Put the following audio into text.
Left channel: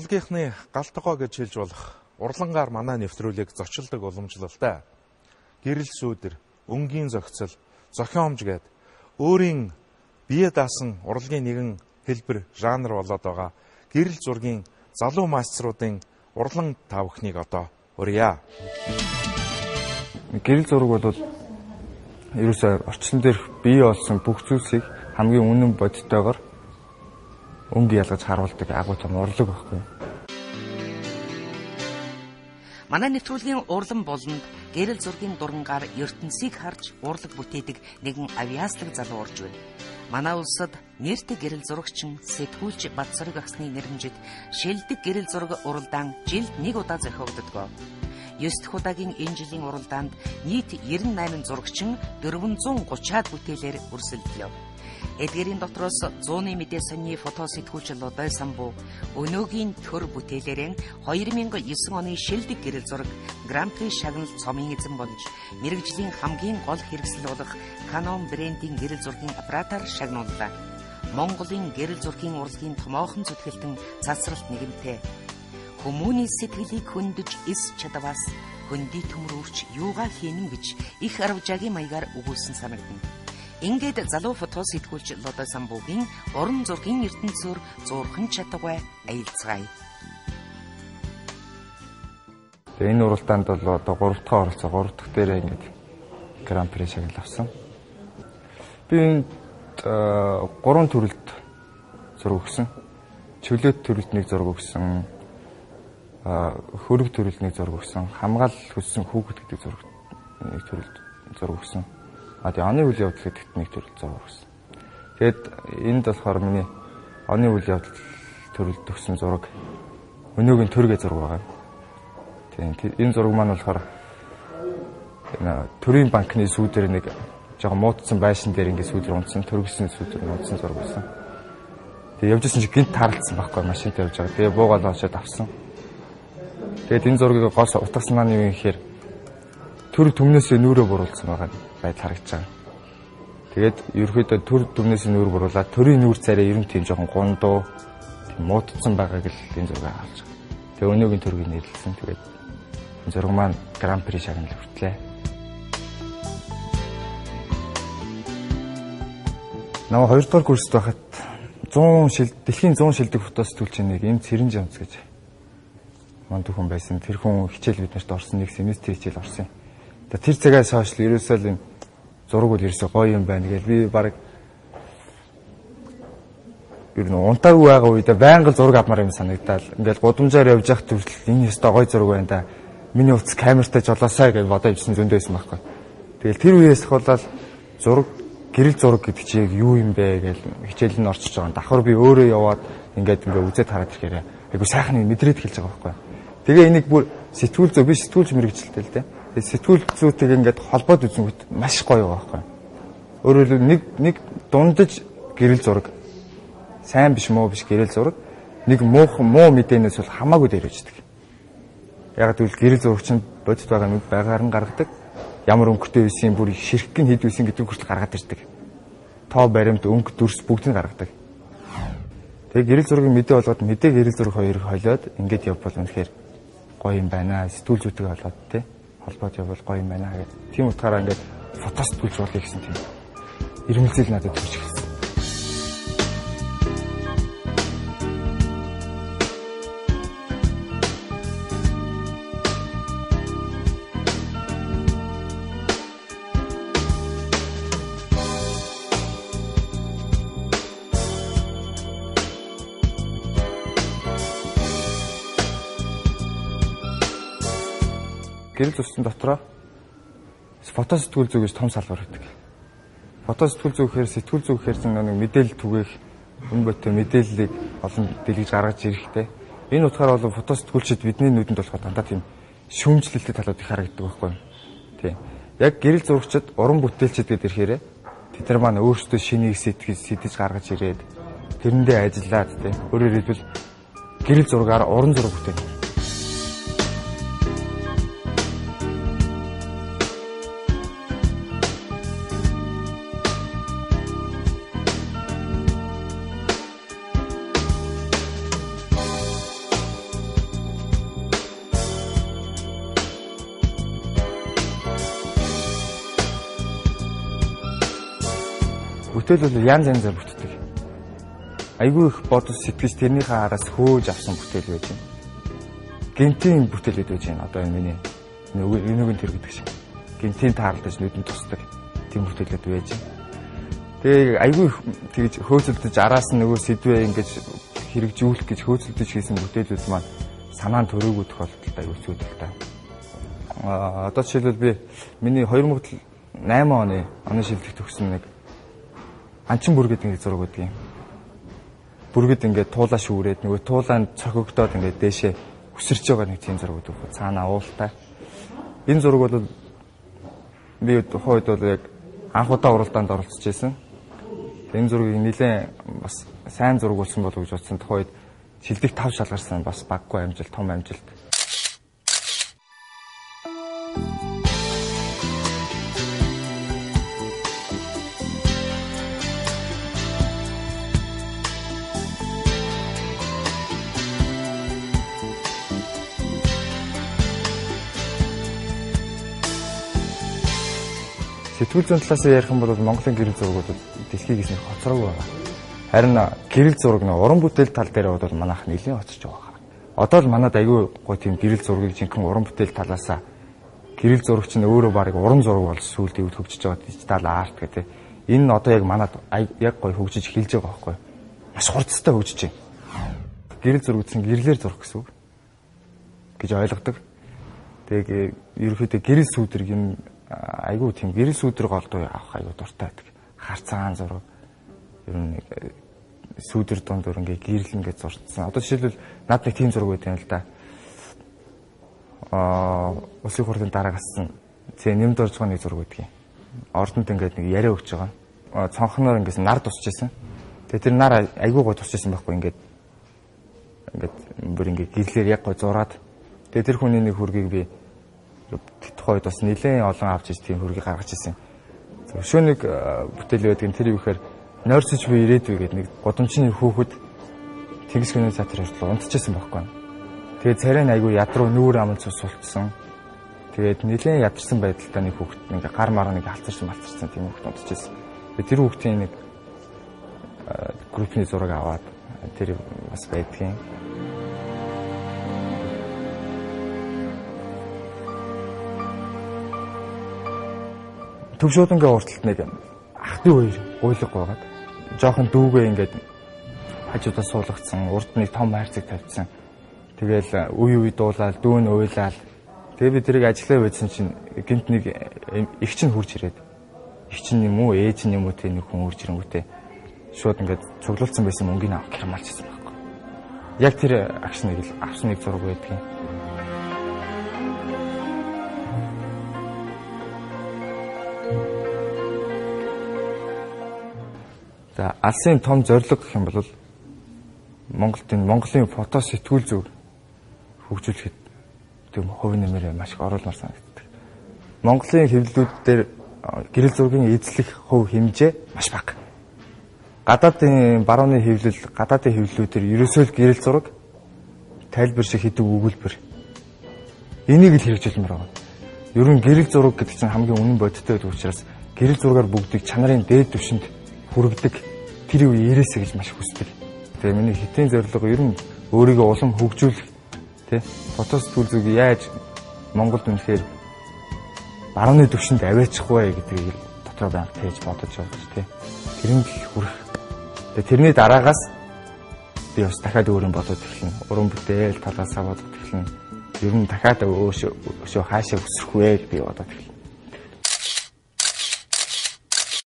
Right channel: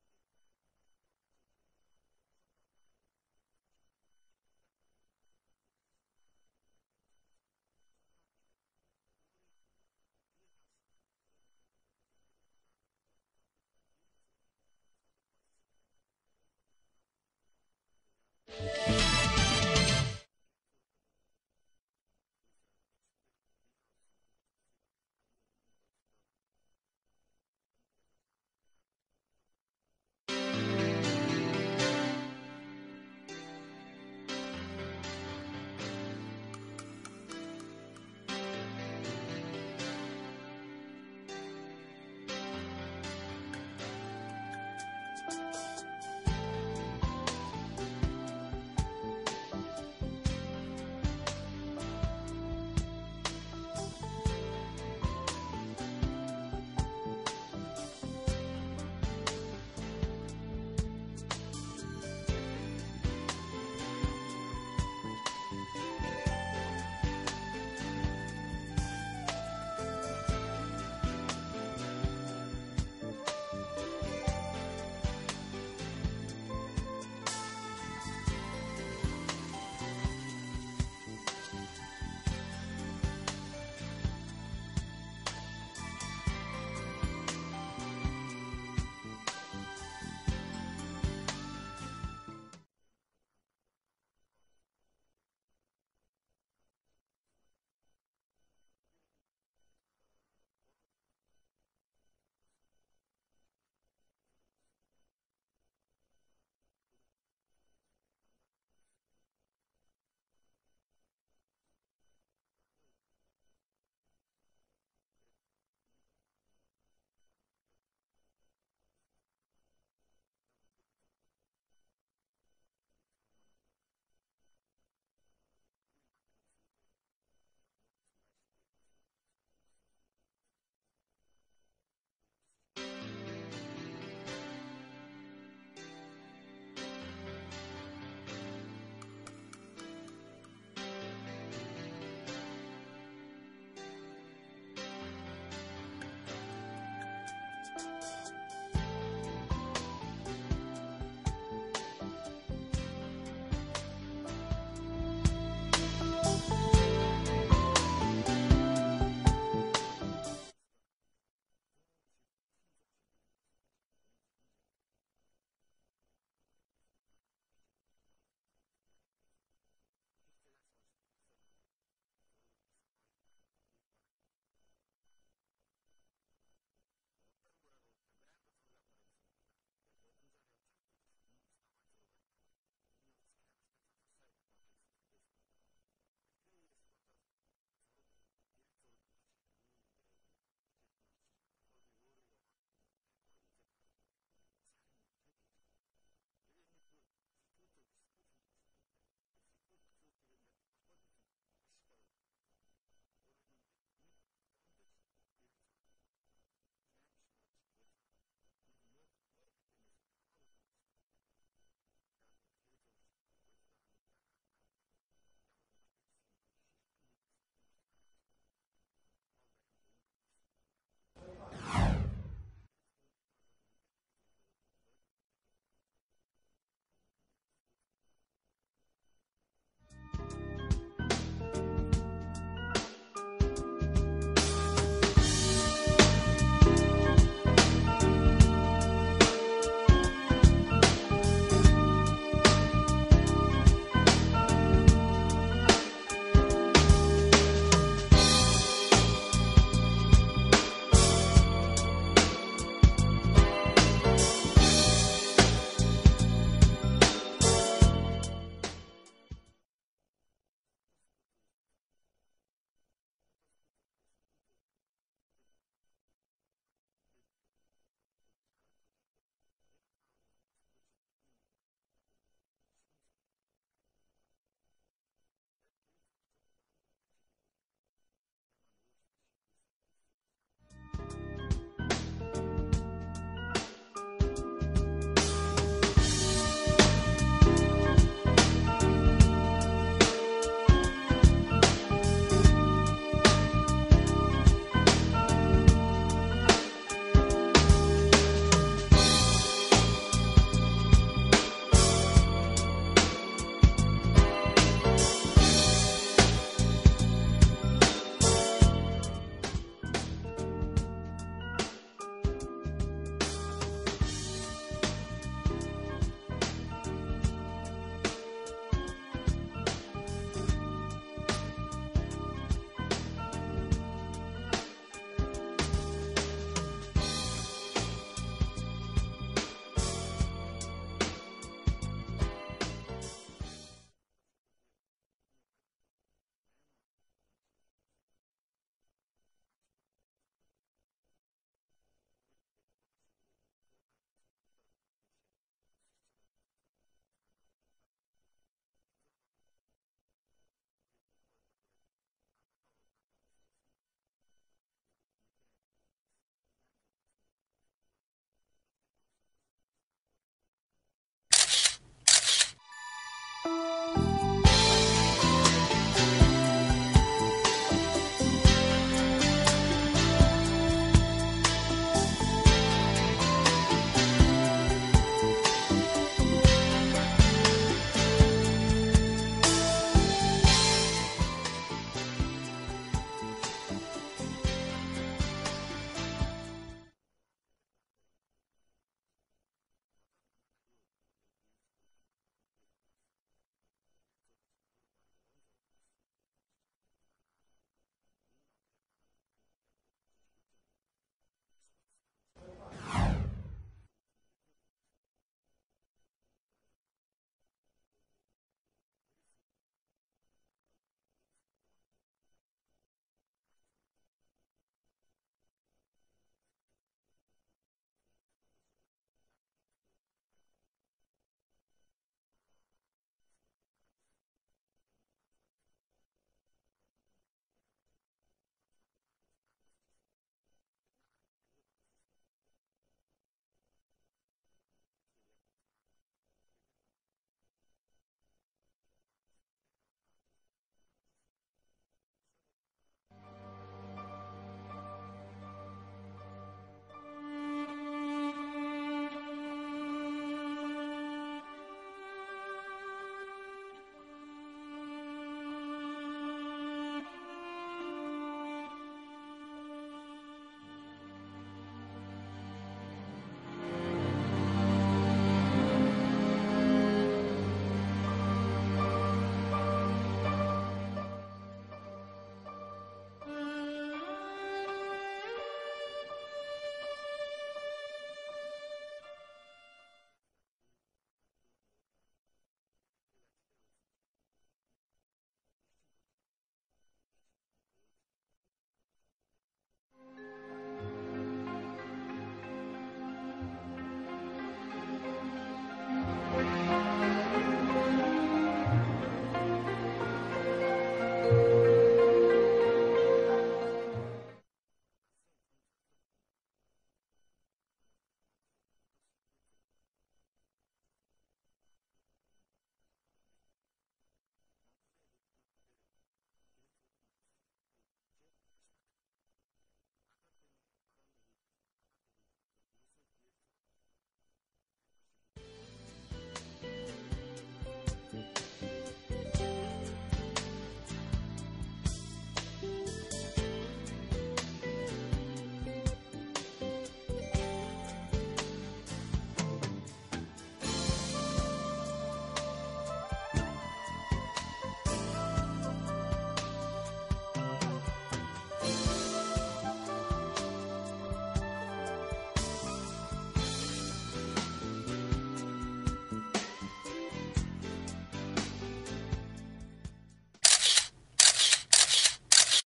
урлагийнхны галтгоо гэж хэлж болох урлангаар манай нэвтрүүлгийг зочилдог уламжлалтай гэрэл сүүдэр, өнгийн зохицол, зохиомж гээд өөрийн бие даасан урлагийн нэгэн хэлбэр жанр болоод байгаа гэрэл зургийн залуу мастеруудын урлан тавхныг одоо урья. Гэрэл зураг бол ерөөсөө орчлон дээрх бий болсон бүх зүйлсийг хамгийн үнэн бодиттойгоор өнгө ялгаж харуулдаг агуу том урлаг байхгүй. Манай нэвтрүүлгийн урлан болонд гэрэл зургийн дурангаар ертөнцийг харж урлаг бүтээдэг нэгэн авиастик залуу орж байна. Манай улсад нэртэй гэрэл зурагчин сэтгүүлч Бадсараг агсны нэрмжид шилдэг гэрэл зураг уралдаан жилд нэг удаа зохиогддог. 9 дахь удаагийн энэ жилийн уралдаанд нийт 98 зурагчин 430-аад бүтээлээр өрсөлдөв. Эдгээрийн дотроос 100-ны мэдээ сонины фото сэтгүүлч Лодой Самбуу өнөөгийн төр бүтээлээрэн 2009 оны шилдэг гэрэл зураг Гран-при шагналт цомын эзэн болж мэрэгжлийн хамгийн гол хэрэгсэл болох Canon брендийн гэрэл зургийн аппаратаар шагнууллаа. Монголын гэрэл зургийн урлагийн томоохон зүтгэлтэн цацралт нэгэнтэй хүмүүний сэтгэлийг хөндөж эс чадваас хөндөй төмөрөвч юугаа хийнэ гэж их арвжаагийн маягаар өгүүлсэн санагдана. Ингээд залуу фото сэтгүүлч Лодой Самбуугийн уран зургийн ертөнцөөр зурхан чадваргүй аялцгаая. Тэгээ энэ уралдаанд бол одоо 3 дахь оролцоо 3 дахь дээрээ ингээд Гран-при шагнал авсан. Би энд 3 төрөлд зураг өгсөн. Чөлөөт төрөлд нэг зураг өгсөн. Хөрөг төрөлд нэг зураг өгсөн. Хамгаал хүссэн хүүхэд гэдэг зураг нэг төрөлд зураг өгсөн. Тэгээ оны үйл явдал гэдэгт нэг төрөлд зураг өгсөн. Тэгээд энд болохоор миний оны үйл явдал төрөлд өгсөн зураг өнөөгийн төргээ зураг байгаа. Тэгээд энэ зураг маань болохоор төрийн банкны сүүдэр нэг жоохон муудсан байшин дээр ингээд сүүдэр унтсан, төргөсөн сүүдэр унтсан зураг байсан. Тэгээд явжсэн чинь гинт таарлцсан байхгүй машинтай явж байгаа. Тэгээд буугаад очоод авсан. Тэгээд энэ зургийг гол утгасан маань юу юм гэхээр төр төмнөөсөө нүрээ буруулсан байгаа байдал харагдаж байгаа. Тэгээд ерөөхдөө төр төмнөөсөө нүр буруулаад төрийн нүр царай ер нь тийм жоохон гундуу, тийм муудсан байгааг л энэ зургийг харж байгаа. Тэгээд өнөөгийн төргийг нэрлэлсэн. Тэгээд энэ зураг маань Гран-при шагнал хүртлээ. Наа 2 дугаар курст байхад дэлхийн 100 шилдэг фото сэтгүүлч нэг энэ Цэрэн Жамц гэж манд хүн байсан. Тэр хүн хичээл бид нарт орсон нэг семестр хичээл орсон юм. Тэр цагаас хойш ерөөсөө л энэ зураг бол ерөөсөө гоё юм байна гэж би баг ер нь унтаагүй байгаа үедээ байнга зураг авмаар юм санагдаад ингээл гудамжаар явж явах төрөл энэ ёстой гоё зураг байна да. Миний утас камертай жолоосаа гэж бодож ирсэн зөндөө байсан байхгүй. Тэгэл тэр үеэс хавуулаад зураг гэрэл зураг гэдэг чинь юу юм бэ гэж хичээл нь орчиж байгаа. Давхар би өөрөө яваад ингээд үзээд хараад ирэхээр айгу сайхан мэдрээд хэлж байгаа байхгүй. Тэгээ энийг бүр сэтгүүл зөө би сэтгүүлч мэрэгчлээ л дээ. Тэгээ сэтгүүл зүйтэйг ингээд холбоод үзэнгүүт маш гоё байгаа байхгүй. Өөрөөр хэлбэл нэг дундаж гэрэл зураг сайн биш муу биш гэрэл зураг нэг муу мэдээнээс бол хамаагүй дээрвэждэг. Яг тэгвэл гэрэл зураг чинь бодит байгаа нэг байгаар нь гаргадаг. Ямар өнгөтэй байсан бүр ширхэг нь хэд байсан гэдэг хүртэл гаргаад ирдэг. Тоо баримт өнгө дүрс бүгдийг гаргадаг. Тэгээ гэрэл зургийн мэдээ болгоод мэдээ гэрэл зураг хоёрыг холиод ингээд явбал үнэхээр гоё юм байна. Сэтгүүл зүйтэйг холбоод тий холбоод явбал гоё юм байна гэх. Тийм утгаараа ингээд фото сэтгүүлж болъё гэсэн тийм ирмэлзэл надад төрж ирсэн. Гэрэл зурсан дотроо фото сэтгүүл зүй гэж том салбар байдаг. Фото сэтгүүл зүй гэхээр сэтгүүл зүй гэхээр нэг мэдээлэл түгээх, үн ботой мэдээллийг олон дэлгэж гаргаж ирэхтэй. Энэ утгаараа бол фото сэтгүүлчид бидний нүдэнд болохоор дандаа тийм шүүмжлэлтэй талууд их харагддаг байхгүй юу? Тийм. Яг гэрэл зурагчид, уран бүтээлчид гэдэг ирэхээр тэд нар маань өөрсдөө шинийг сэтгэж гаргаж ирээд тэрэндээ ажиллаад тийм. Өөрөөр хэлбэл гэрэл зургаар уран зураг бүтээдэг. бүтээл бол янз янзаар бүтдэг. Айгүй их бодож сэтгэж тэрнийхээ араас хөөж авсан бүтээл байж байна. Гинтийн бүтээлүүд байж байна. Одоо миний өнөөгийн тэр гэдэг шиг. Гинтийн таарлаж нүдэнд тусдаг тийм бүтээлүүд байж байна. Тэгээ айгүй их тэгж хөөцөлдөж араас нь нөгөө сэдвээ ингэж хэрэгжүүлэх гэж хөөцөлдөж хийсэн бүтээлүүд маань санаанд төрөөгөө тохиолдолд айгүй зүйдэлтэй. Одоо жишээлбэл би миний 2008 оны шилдэг төгсөн нэг анчин бүргэд ингэ зураг өгдөг юм. Бүргэд ингээд туулаа шүүрээд нөгөө туулаанд цохигдоод ингээд дээшээ өсөрч байгаа нэг тийм зураг өгдөг. Цаанаа уултай. Энэ зураг бол би тухайд бол яг анх удаа уралдаанд оролцож байсан. Энэ зургийг нэлээд бас сайн зураг болсон болов гэж бодсон. Тухайд шилдэг 5 шалгарсан бас баггүй амжилт, том амжилт. Сэтгүүл зүйн талаас ярих юм бол Монголын гэрэл зураг бол дэлхийгээс нэг хоцроогүй байна. Харин гэрэл зураг нэг уран бүтээл тал дээр бол манайх нэлийн хоцорч байгаа. Одоо л манад аягүй гоо тийм гэрэл зургийг жинхэнэ уран бүтээл талаасаа гэрэл зурагч нь өөрөө баг уран зураг болж сүүлд өвд хөгжиж байгаа дижитал арт гэдэг. Энэ нь одоо яг манад яг гой хөгжиж эхэлж байгаа байхгүй. Маш хурцтай хөгжиж байна. Гэрэл зураг гэсэн гэрлэр зурах гэсэн үг гэж ойлгодог. Тэгээ ерөөхдөө гэрэл сүүдрэг юм айгүй тийм гэрэл сүүдрэг голдуу авах айгүй дуртай байдаг. Харцаан зураг ер нь сүүдэр дундуур ингээ гэрэл ингээ зурцсан. Одоо жишээлбэл над нэг тийм зураг байдаг юм л да. Улсын хурлын дараа гассан нэмд орж байгаа нэг зураг байдаг юм. Ордонд ингээд нэг яриа өгч байгаа. Цонхноор ингээс нар тусч байсан. Тэгээ тэр нар айгүй гой тусч байсан байхгүй ингээд бүр ингээ гэрлэр яг гой зураад. Тэгээ тэр хүний нэг хөргийг би тухайд бас нэлээд олон авч иж тийм хөргийг гаргаж ирсэн. Өшөө нэг бүтээл байдаг юм тэр юу гэхээр нойрсож би ирээдүй гэдэг нэг годомчны хүүхэд тэгс гүний цаатар ирсэн унтчихсан байхгүй. Тэгээд царай нь айгүй ядруу нүүр аман цус сулцсан. Тэгээд нэлээд ядарсан байдалтай нэг хүүхэд ингээ гар мараа нэг алцарсан малцарсан тийм хүүхэд унтчихсан. Тэгээд тэр хүүхдийн нэг группний зураг аваад тэр бас байдгийн. Төвшөөдөнгөө урталт нэг ах トゥ хоёр гуйлга байгаад жоохон дүүгээ ингээд хажуудаа суулгацсан, урд нэг том хайрцаг тавьчихсан. Тэгээл үе дуулаад, дүүн уйлаад. Тэгээ би тэрийг ажиллаа байсан чинь гинт нэг их чинь хурж ирээд. Их чинь юм уу, ээж нь юм уу тэ нэг хүн хурж ирэнгүүтээ шууд ингээд цуглуулсан байсан мөнгөний авах гэрмалчихсан байхгүй. Яг тэр акшныг л авсан нэг зураг байдаг юм. За алсын том зорилго гэх юм бол Монголын фото сэтгүүл зүг хөгжүүлэхэд тийм хувь нэмэр маш их оруулмаар санагддаг. Монголын хэвлэлүүд дээр гэрэл зургийн эзлэх хувь хэмжээ маш бага. Гадаадын барууны хэвлэл, гадаадын хэвлэлүүдээр ерөөсөө л гэрэл зураг тайлбар шиг хэдэг өгүүлбэр. Энийг л хэрэгжүүлмээр байна. Ер нь гэрэл зураг гэдэг чинь хамгийн үнэн бодиттой байдаг учраас гэрэл зургаар бүгдийг чанарын дээд түвшинд хүргэдэг тэр үе ирээсэ гэж маш хүсдэг. Тэгээ миний хитийн зорилго ер нь өөрийгөө улам хөгжүүлэх тий фото сэтгүүл зүг яаж Монголд үнэхээр барууны түвшинд аваачихгүй гэдгийг дотроо байнга тээж бодож байгаа шүү тий. Тэрний хүрэх. Тэгээ тэрний дараагаас би бас дахиад өөрийн бодож эхэлнэ. Уран бүтээл талаасаа бодож эхэлнэ. Ер нь дахиад өшөө хаашаа өсөх вэ гэдгийг бодоод эхэлнэ.